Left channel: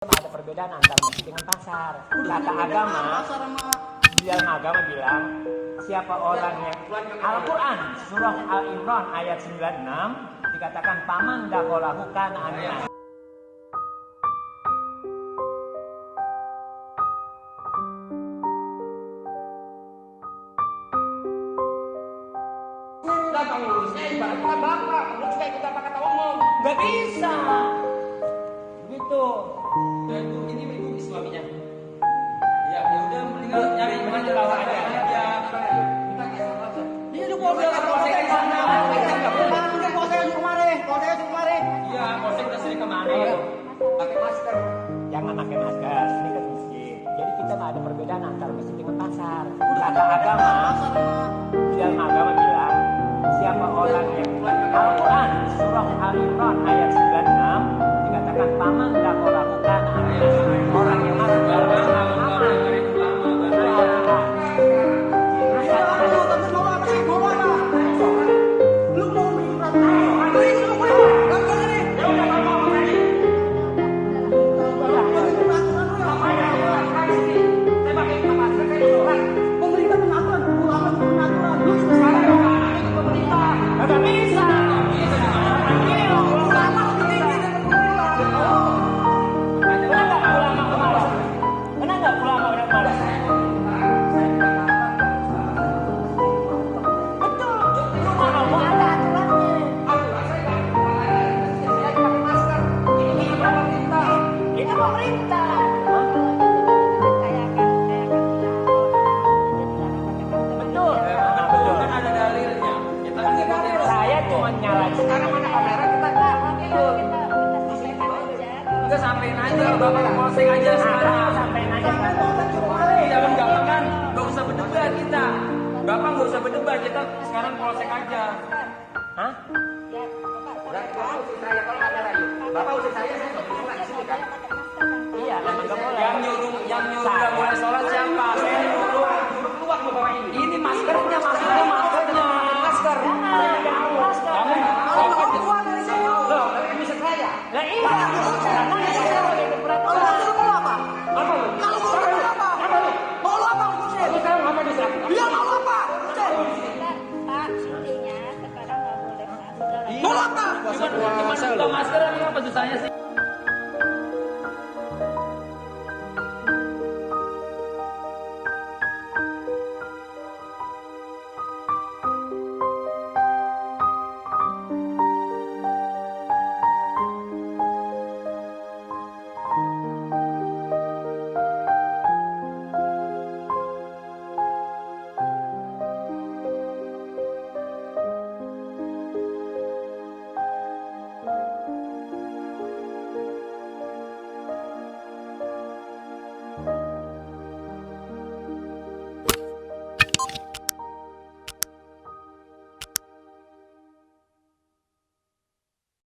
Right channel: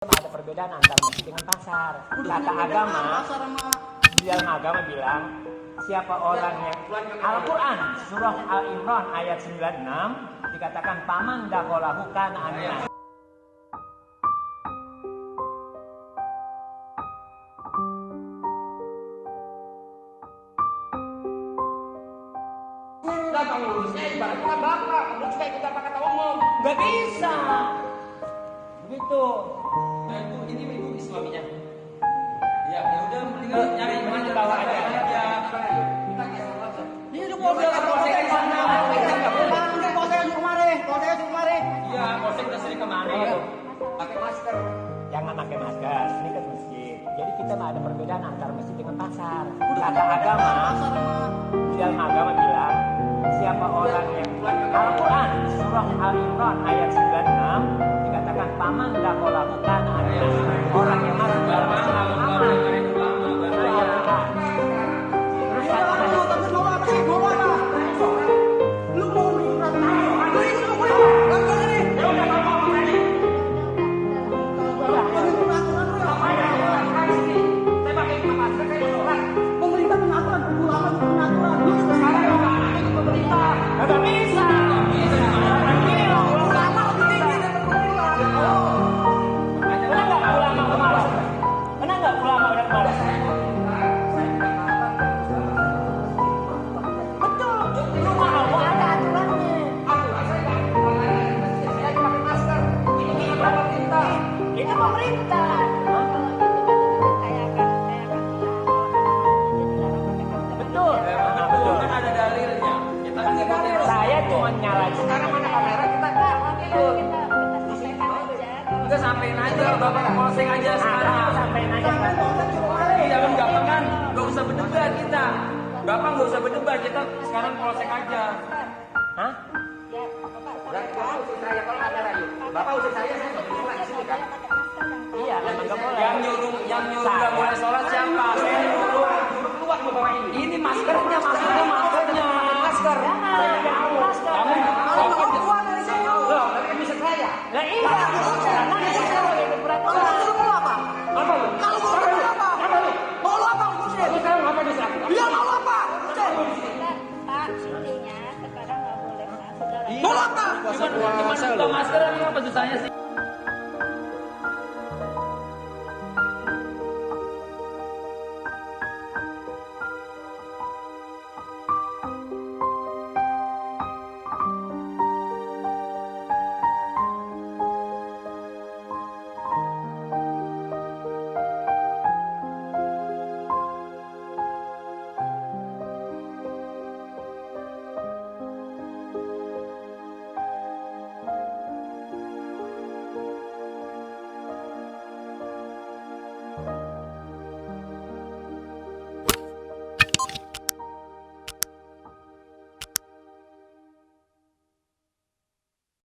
Ada perbedaan antara masjid dengan pasar. Kata agama, di dalam agama bilang, siapa orang yang Al-Quran surah Al-Imran ayat 96 dikatakan paman dakolahu kana aminan. Enggak, pengurusnya ibaratnya kan bapak, pengurus juga ikut apa kata umum. Nggak bisa. Begitu. Dan Bu, ini ibu Islaminya. Ya udah mendingan nyari Mana bawa aja. Kita ke aja. Ini udah mau bilang polsek di sana. Mungkin polsek yang kemarin, Iya, polsek udah sering kemana ya? Pakai masker. Jangan pakai masker. Ini kan masjid. Jadi kita mah ada perbedaan antara masjid dengan pasar. Kata agama, di dalam agama bilang, siapa orang yang Al-Quran surah Al-Imran ayat 96 dikatakan paman dakolahu kana aminan. Orang yang masuk dalam Islam aman. Itu Al-Quran. Terus kata mau apa sih? Mau apa? Lu mau menyurat? Ini lu mau apa nih? Saya pakai masker, saya menolak. Pemerintah pengaturan, ulama pengaturan. Lu Sekarang ulama itu pemerintah. nggak bisa. ulama lebih tinggi dari pemerintah. Pernah nggak ulama marah? Pernah nggak ulama udah marah? Betul. Lu mau ada aturannya. Saya pakai masker. Ini pemerintah. Itu pemerintah. Hah? Kalau gitu berarti saya akan bilang kalau nama masjid dilarang pakai masker. Betul. Nanti Nah, betul. Kan ada dalilnya. Kita kan ngikutin. Saya cuma nyalain. Sekarang mana kamera kita? kita sampaikan aja kalau Udah sampein aja, bapak ke polsek aja sekarang. Sampein aja kan. Iya kan gampang kan? Gak usah berdebat kita. Bapak gak usah berdebat, kita sekarang polsek aja. Hah? ya Bapak Bapak usir saya kalau kamera yuk. Bapak usir saya nggak boleh di sini kan? Iya, memang nggak boleh. Yang nyuruh Saya